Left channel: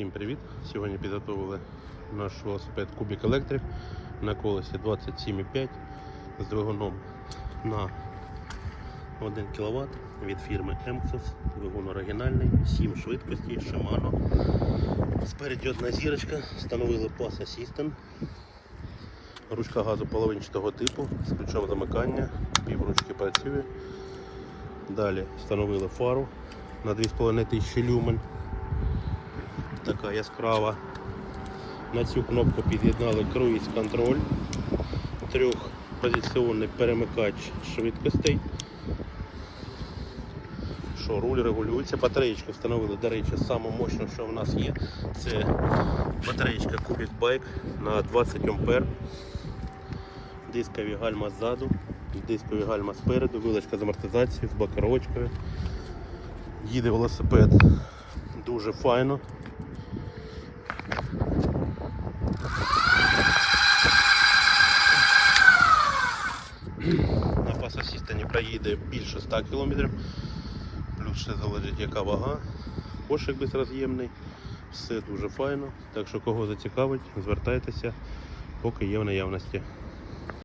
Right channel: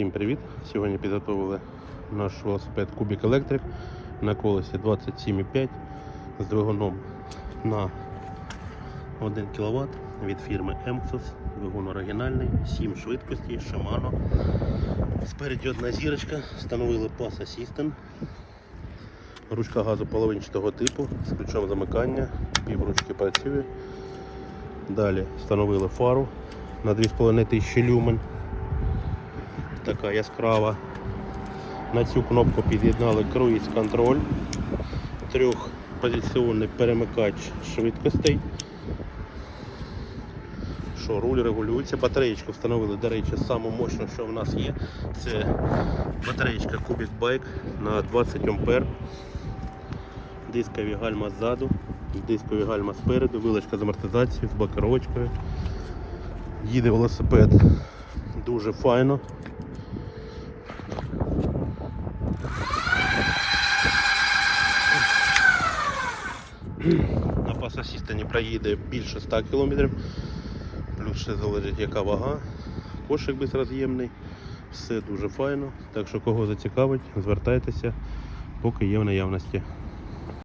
Всім привіт! Сьогодні підготовили наш велосипед Кубік Електрик на колесі 27,5 з двигуном на 1 кВт від фірми Emxus. Двигун оригінальний, 7 швидкостей, Shimano. Спереді одна зірочка, встановили Pass Assistant. Ручка газу половинчатого типу з ключом замикання, півручки працює. Далі встановили фару на 2500 люмен. Така яскрава. На цю кнопку під'єднали круїз контроль, трьохпозиційний перемикач швидкостей. Що руль регулюється, батареєчку встановили, до речі, саму мощну, що в нас є, це батареєчка Cubic Bike на 20 А. Дискові гальма ззаду, дискові гальма спереду, вилочка з амортизацією, з блокировочкою. Їде велосипед дуже файно. На пасасістані проїде більше 100 км, плюс ще залежить яка вага, кошик безроз'ємний, все дуже файно. Так що кого зацікавить, звертайтеся, поки є в наявності.